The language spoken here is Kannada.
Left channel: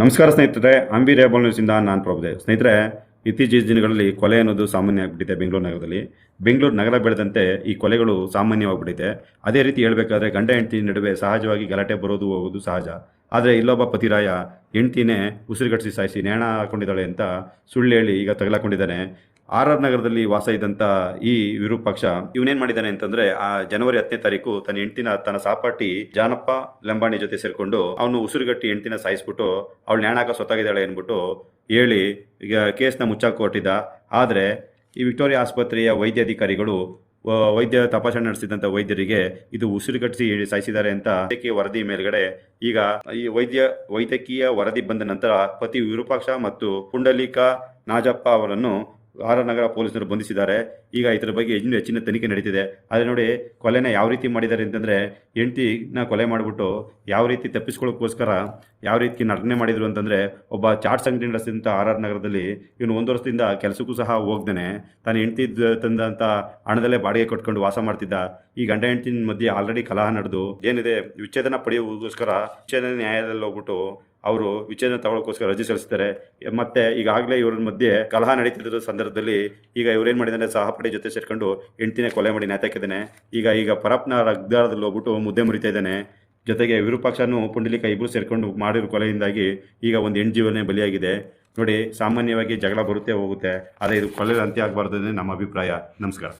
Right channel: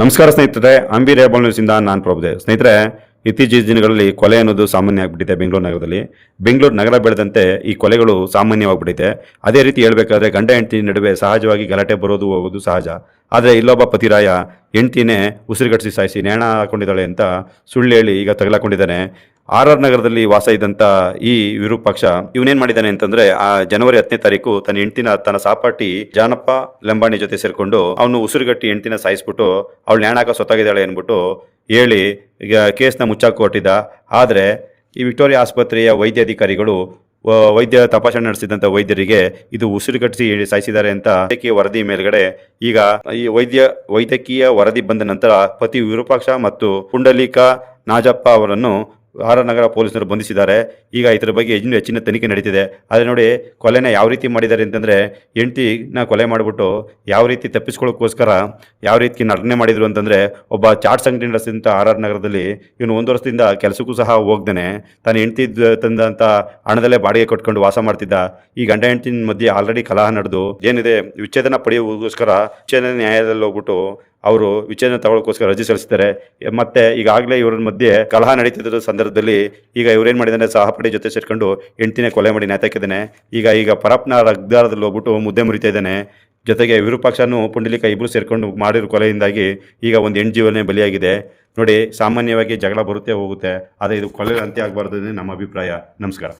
ನಮಸ್ಕಾರ ಸ್ನೇಹಿತರೆ, ಅಂಬಿ ರೇಬಲ್ ನ್ಯೂಸಿಂದ ನಾನು ಪ್ರಭುದೇವ್. ಸ್ನೇಹಿತರೆ, ಇತ್ತೀಚಿನ ದಿನಗಳಲ್ಲಿ ಕೊಲೆ ಅನ್ನೋದು ಸಾಮಾನ್ಯ ಆಗಿಬಿಟ್ಟಿದೆ ಬೆಂಗಳೂರು ನಗರದಲ್ಲಿ. ಬೆಂಗಳೂರು ನಗರ ಬೆಳೆದಂತೆ ಈ ಕೊಲೆಗಳು ಸಾಮಾನ್ಯವಾಗಿಬಿಟ್ಟಿದೆ. ಅದೇ ರೀತಿ ಹೇಳಬೇಕಾದ್ರೆ ಗಂಡ ಹೆಂಡತಿ ನಡುವೆ ಸಹಜವಾಗಿ ಗಲಾಟೆ ಬರೋದು ಹೋಗೋದು ಸಹಜ. ಆದರೆ ಇಲ್ಲೊಬ್ಬ ಪತಿರಾಯ ಹೆಂಡತಿನೇ ಉಸಿರುಗಟ್ಟಿಸಿ ಸಾಯಿಸಿ ನೇಣ ಹಾಕೊಂಡಿದ್ದಾಳೆ ಅಂತ ಸುಳ್ಳು ಹೇಳಿ ಈಗ ತಗಲಾಕೊಂಡಿದ್ದಾನೆ. ಆರ್ ನಗರದಲ್ಲಿ ವಾಸ ಇದ್ದಂಥ ಈ ವಿರೂಪಾಕ್ಷ ಇವನೇನ್ ಮಾಡಿದ್ದಾನೆ ಅಂತಂದ್ರೆ, ಆ ಜನವರಿ 10ನೇ ತಾರೀಕು ತನ್ನ ಹೆಂಡತಿನ ತನ್ನ ಸಹಪಾಠಿ ಜಾನಪ್ಪ ಲಂಬಾಣಿ ಜೊತೆ ಸೇರ್ಕೊಂಡು ಅವನು ಉಸಿರುಗಟ್ಟಿ ಹೆಂಡತಿನ ಸಾಯಿಸ್ಬಿಟ್ಟು ಅವಳು ನೇಣಾಕ ಸೊತ್ತಾಗಿದ್ದಾಳೆ ಅನ್ಬಿಟ್ಟು ಹೇಳಿ ಈಗ ಕೇಸ್ನ ಮುಚ್ಚಾಕು ಹೊಟ್ಟಿದ್ದ. ಆದರೆ ಈ ವಿಕ್ಟೋರಿಯಾ ಆಸ್ಪತ್ರೆಯ ವೈದ್ಯಾಧಿಕಾರಿಗಳು ವೈದ್ಯ ತಪಾಸಣೆ ನಡೆಸಿದಂಥ ವೈದ್ಯರಿಗೆ ಇದು ಉಸಿರುಗಟ್ಟಿಸಿ ಸಾಯಿಸಿದ್ದಾರೆ ಅಂತ ವೈದ್ಯಕೀಯ ವರದಿ ಮೇಲ್ಗಡೆ ಈಗ ಈ ವೈದ್ಯಕೀಯ ವರದಿ ಬಂದ ನಂತರ ಪತಿ ವಿರೂಪಾಕ್ಷ ಮತ್ತು ಪುಂಡಲೀಕ ನಾಜಪ್ಪ ಅವರನ್ನು ಆರ್ ನಗರ ಪೊಲೀಸರು ಬಂಧಿಸಿದ್ದಾರೆ. ಈಗ ಇದರ ಬಗ್ಗೆ ಇನ್ನೂ ಹೆಚ್ಚಿನ ತನಿಖೆ ನಡೀತಿದೆ. ಆದರೆ ನೋಡಿ, ಕೊಲೆನ ಯಾವ ರೀತಿ ಮಾಡಿದ್ದಾರೆ ಅಂತಂದರೆ, ಹೆಂಡತಿನ ಕೊಲೆ ಮಾಡಿಬಿಟ್ಟು ಯಾವ ರೀತಿ ತಪ್ಪಿಸ್ಕೊಳ್ಳೋಕ್ಕೋಸ್ಕರ ಯಾವ ರೀತಿ ನಟನೆ ಮಾಡಿದರು ಅಂತಂದರೆ, ಒಬ್ಬ ಚಾಟ್ಸ್ ಅಂಗಡಿ ನಡೆಸಿದಂಥ ಆರ್ ನಗರದಲ್ಲಿ ಇವನು 1 ವರ್ಷದಿಂದ ಕೆಲಸಕ್ಕೂ ಸಹ ಹೋಗ್ದೇನೆ ತಾನು ಹೆಂಡತಿ ತಂದಂಥ ಹಣದಲ್ಲೇ ಬಾಡಿಗೆ ಕೊಟ್ಕೊಂಡು ವಾಸ ಮಾಡ್ತಿದ್ದ. ಈ ಗಂಡ ಹೆಂಡತಿನ ಮಧ್ಯೆ ಆಲ್ರೆಡಿ ಕಲಹ ನಡೆದು ಏನಿದೆ ವಿಚ್ಛೇದನ ಪಡೆಯುವುದಕ್ಕೋಸ್ಕರ ವಿಚ್ಛೇದನ ನ್ಯಾಯಾಲಯದಲ್ಲಿ ಹೋಗ್ಬಿಟ್ಟು ಅವರು ವಿಚ್ಛೇದನ ತಗೊಳ್ಳೋಕ್ಕೋಸ್ಕರ ಅರ್ಜಿ ಸಲ್ಲಿಸ್ತಾರೆ. ಮತ್ತೆ ಈಗಾಗಲೇ ಇವರ ಮಧ್ಯೆ ಕಲಹ ನಡೀತಿದ್ದ ಸಂದರ್ಭದಲ್ಲಿ ಈಗ ಇವ್ರೇನು ಮಾಡಿದಾನೆ, ಸಹಪಾಠಿ ಜೊತೆ ಸೇರ್ಕೊಂಡು ಹೆಂಡತಿನೇ ಕೊಲೆ ಮಾಡಿ ನೇತಾಕಿದ್ದಾನೆ. ಈಗ ಪರಪ್ನ ರಗ್ದಾರದಲ್ಲಿ ಹೋಗ್ಬಿಟ್ಟು ಮುದ್ದೆ ಮುರಿತಾ ಇದ್ದಾನೆ. ಜೊತೆಗೆ ವಿರೂಪಾಕ್ಷನು ಪುಂಡಲೀಕ ಇಬ್ಬರು ಸೇರ್ಕೊಂಡು ಮಾಡಿರೋ ಕೊಲೆಯಿಂದಾಗಿ ಈಗ ಒಂದು ಹೆಣ್ಣು ಜೀವನೇ ಬಲಿಯಾಗಿದೆ. ನೋಡಿ, ಸಾಮಾನ್ಯವಾಗಿ ಜಗಳ ಬರುತ್ತೆ ಹೋಗುತ್ತೆ, ಆದರೆ ಇದು ಕೊಲೆ ಅಂತ್ಯ ಆಗಬಾರ್ದು ನಮ್ಮ ಅಭಿಪ್ರಾಯ. ನಮಸ್ಕಾರ.